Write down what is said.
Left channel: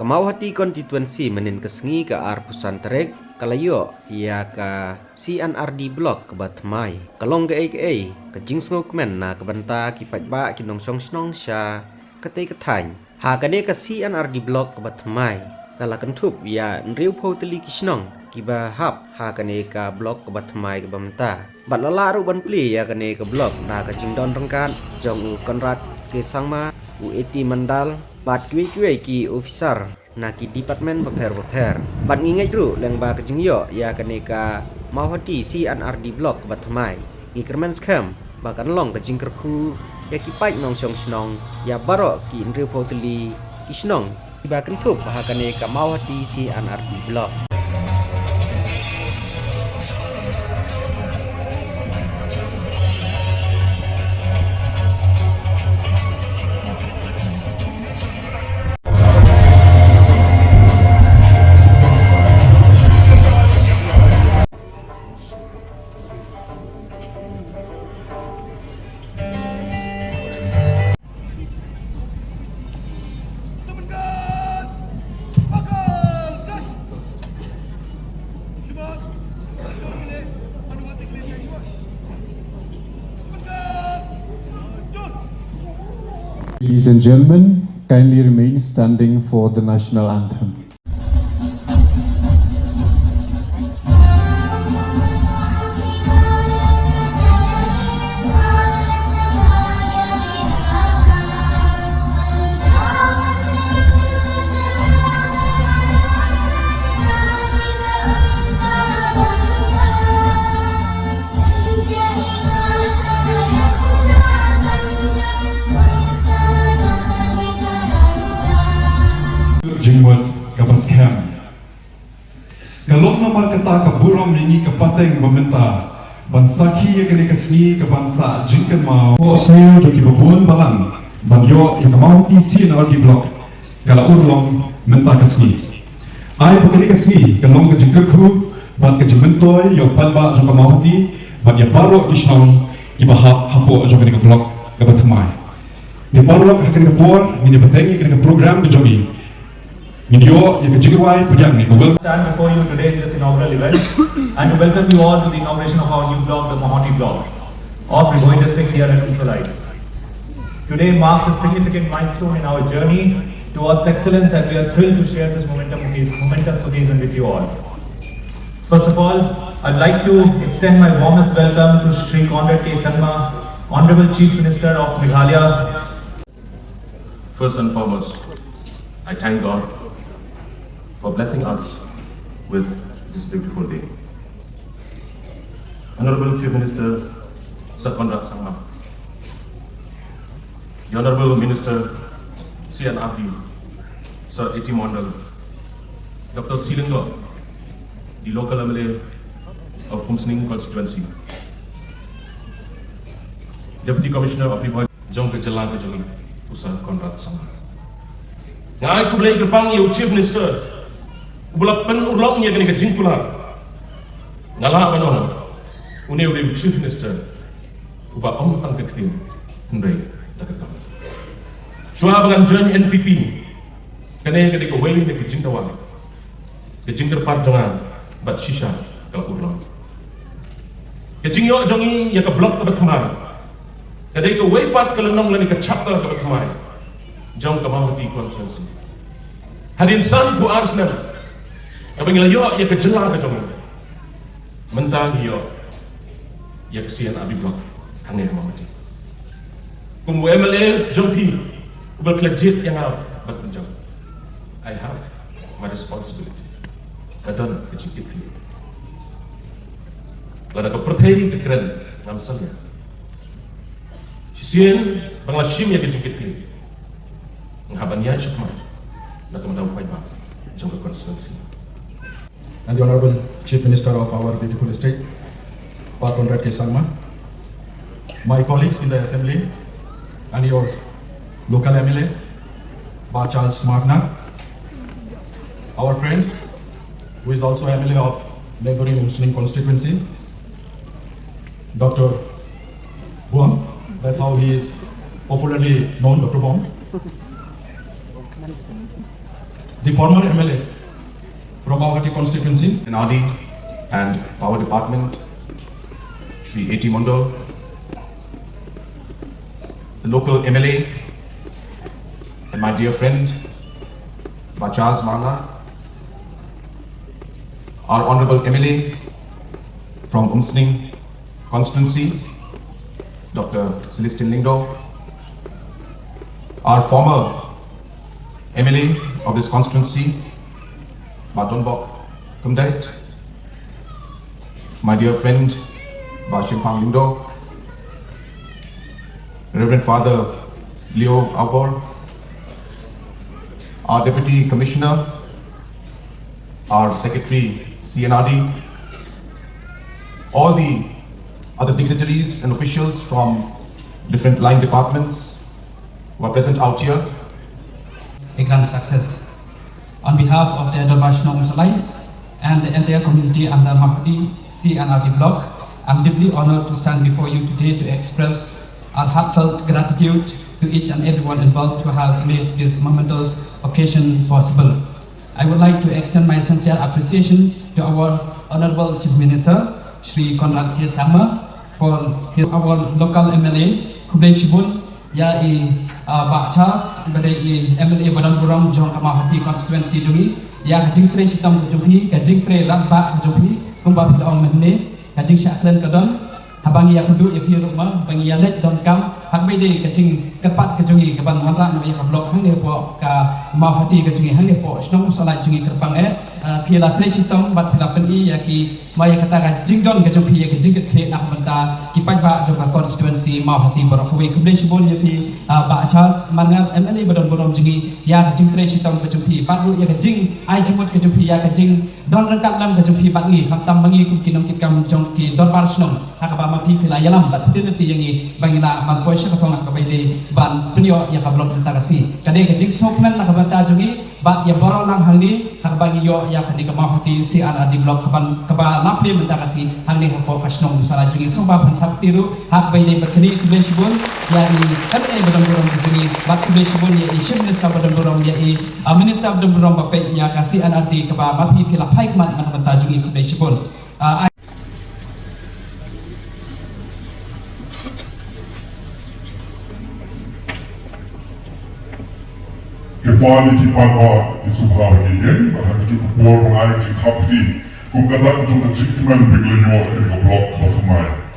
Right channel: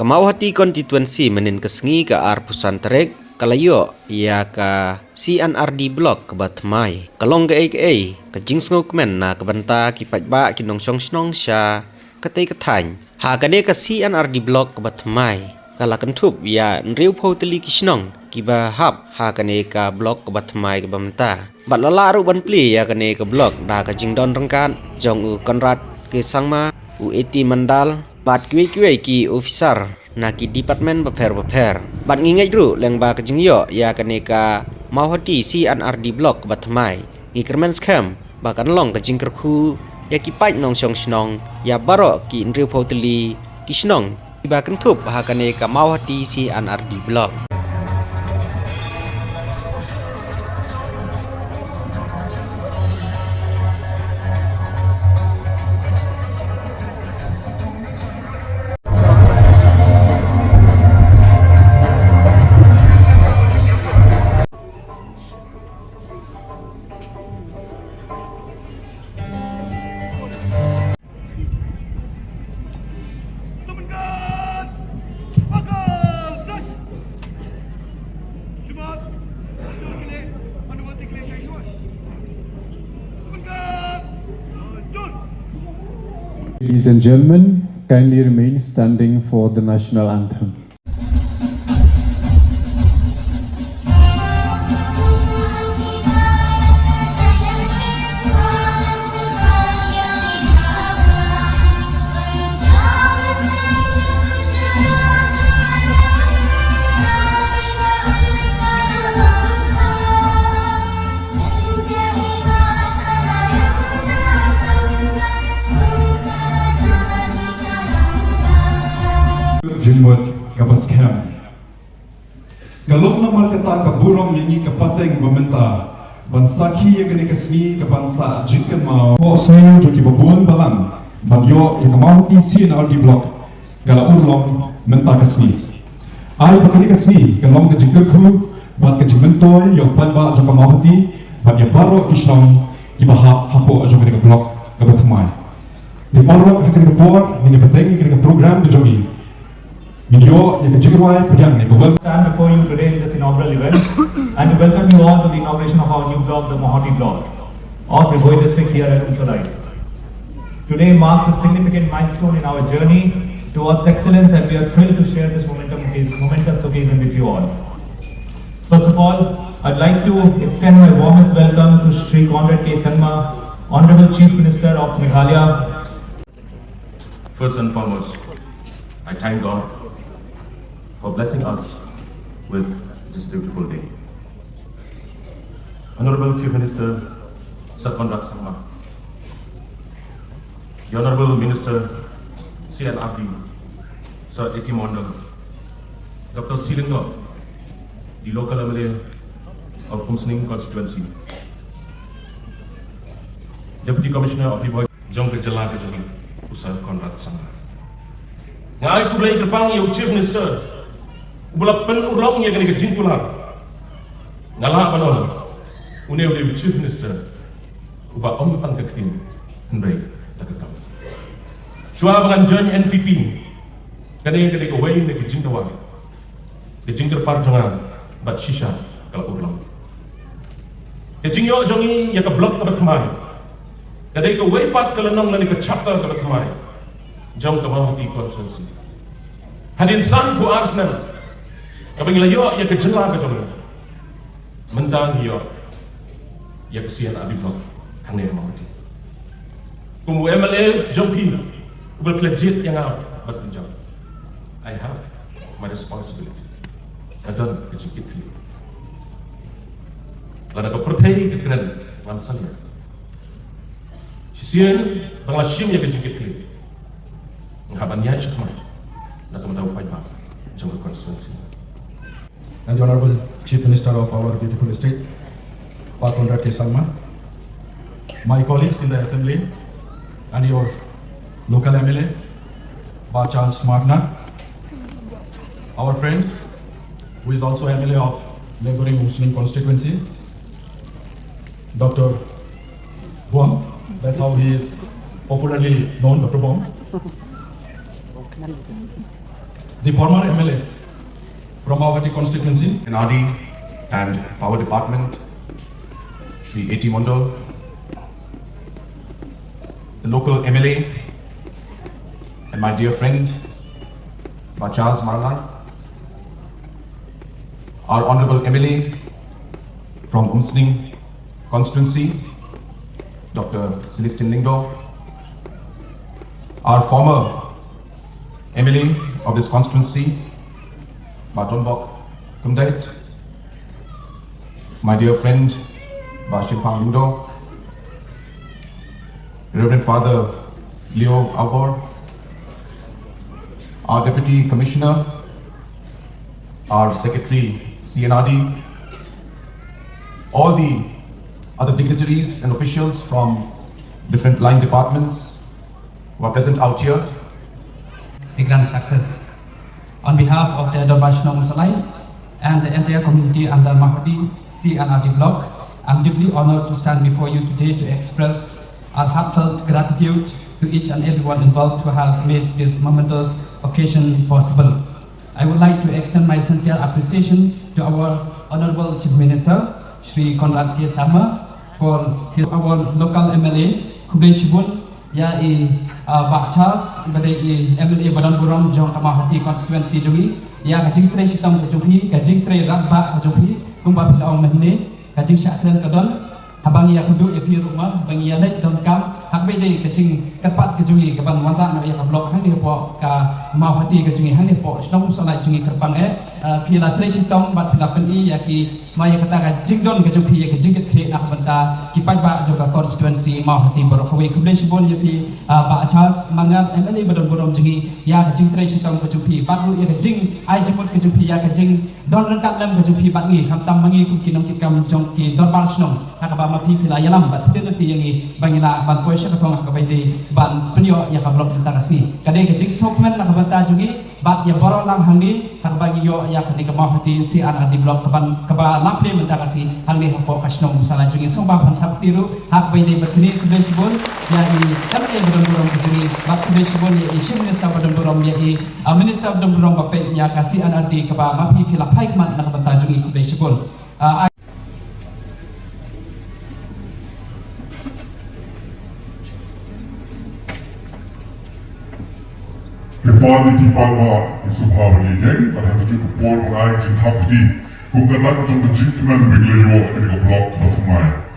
Ke Mawhati Constituency menin kesengi ke Pusan Terek kalayo ia ke C&RD Block ke Batmai kalong ke ke Jing men na ke banta ki pajba ki nong snong sya ketai ketany ha kane ke C&RD Block ke Batmai kala kentup ya nriu poteli ki snong ki ba hap ha kane ke block ke Batmai ke bamta bat lala ru ban pli ya kane ke block da ke Jing don rengkan jong u konrad ke sangma u eti mandal bat kwe ki officer na ki department beper bat ngingai ru leng ba ke jingyo ya kaneka Mawhati C&RD Block batmai ngi kermen scam ba kan long ke jingkerku ya ki pai nong snong ya baro ki nriu poteli ki snong ba kan thup ha kaneka Mawhati C&RD Block. Ladies and gentlemen, kindly remain standing for the national anthem. Jingwat kapaskam. Galok nama kata keburang ini kepateng pemerintah bangsa ki yang kena kesini ke bangsa jingkan mau. Saya joki bebuan balang bagyo yang Mawhati C&RD Block kalau urlong mentah kesini. Ai bukan kesini kalau ke jingkerku bat ke jingmentoy yang palba jok Mawhati bagyo baru islam ibahap hapo jok ke blok ke batmai. Di baru akan kebuat ini peteng ke program joki. Stand before you today in this inaugural event and to welcome you all to the inauguration of our new block, the Mawhati Block of Rivoi district here at Uttalai. Today marks a significant milestone in our journey towards excellence, and we are thrilled to share this momentous occasion with you all. First of all, I'd like to extend my warmest welcome to Sri Conrad K. Sangma, Honorable Chief Minister of Meghalaya. First and foremost, I thank God for blessing us with this beautiful day. Honorable Chief Minister Sir Conrad Sangma, the Honorable Minister C&RD Sir A.T. Mondal, Dr. Silingo, the local MLA of C&RD Constituency, Deputy Commissioner of Rivoi Jing Sir Conrad Sangma. Ngai kulai gerbang yang Chief Minister Bulak pen ulok nya kini ke jingkula ngalah bano une uli Chief Minister uba tang ke kini ndai takam shua bangan join NPP kene ke wei de ke jingtawa ke jingter par jangan bat shisha kalau ulok ke jingyo jongi ya ke blok ke kemari kene ke wei pat ke lenang ke chapter ke kemari jauh ke Mawhati Constituency hadin san ku Arsenal apabila yo ya kejelah ke sana mentang yo ya C&RD Block hanya Mawhati kumu MLA jompi berkelejit yang berpenjang. I have my responsibility dan kecikit ini lalu ke perthai ke keren namanya sisian banglasim ya kecikit ini ngabannya syukma lalu mendapat baik jangka konstitusi. And the Honorable Chief Minister of our beautiful state, Pak Conrad K. Sangma, my colleagues in the Assembly, and your local MLA, Pak Charles Magna, our friends, who is also MLA of neighboring Muslim constituency, Dr. Guam, that's how he is popularly known, Dr. Guam. the former MLA from Mawhati Constituency, C&RD and Power Department, Shri A.T. Mondo, the local MLA, and my dear friend, Charles Marla, our Honorable MLA from Unsning Constituency, Dr. Celestine Lingo, our former MLA of this constituency, Matonbok Kundet, my dear friend, Bashimpang Ludo, Reverend Father Leo Albor, our Deputy Commissioner, our Secretary C&RD, all the other dignitaries and officials from different line departments who are present out here. A grand success. On behalf of the International Muslim and the entire community under Mawhati C&RD Block, I'm deeply honored to stand before you today to express our heartfelt gratitude to each and everyone involved who has made this momentous occasion possible. I would like to extend my sincere appreciation to our Honorable Chief Minister, Shri Conrad K. Sama, for our local MLA, Kublai Shibun, yai Bakchas, badai MLA Badan Buram Jong Mawhati Constituency Jumi, ya Jing Tre Sitam Jumpi, Jing Tre Rakba Jumpi, Kumba Pila Ong Mene, Jing Syaklen Kadon, Habangi Yakudu Epi Rumah, Bangi Yalet dan Kam, Hak Bede Kacing Kepat Kejungi Keban Manrak No Yak Blok Hang Depo Ka Mawhati Kejungi Hang Depo Snong Solat Jungi Kerpang Pila Tre Sitam Bat Pila Peni Yaki Maya Kata Jing Don Kejumpi Yak Jing Ket Kre Nak Benta Kipat Ba Joka Constituency Mawhati Borokawi Kublai Shibun Yapi Bakchas Mangat MLA Badan Buram Jungi Ya Jing Tre Sitam Kejumpi Patru Yak Jing Ai Jemut Kejumpi Yak Jing Don Rangkat Lam Kejumpi Batngi Hantam Mangi Kukinam Kikam Jong Ki Don Bar Snong Hakaba Mapi Pila Yalam Bat Pidin Nanti Yangi Bangina Ban Koy Syakapong Hakabai Ban Penyo Yak Blok Benta Kasi Kadai Kejing Sophan Nak Benta Jungi Bat Ya Borok Lang Hangni Hakabangi Yo Yak Ni Mawhati C&RD Block Keban Keba Lapli Benta Kasi Hangni Hapo Kasnong Musala Jungi Somba Bantap Tiru Hakabai Berkini Kublai Shibun Yai MA Badan Buram Jungi Bat Kublai Shibun Yai Chief Minister Badan Buram Yai Minister Badan Buram Bapet Yak C&RD Keba Mapi Pila Pai Kemat Nak Benta Jungi Kublai Shibun Kembali di Alba di sebelah ini, ada cukup mengaik di hapdi, kongkanak cukup jingkuman biglayo ini blok ke Mawhati.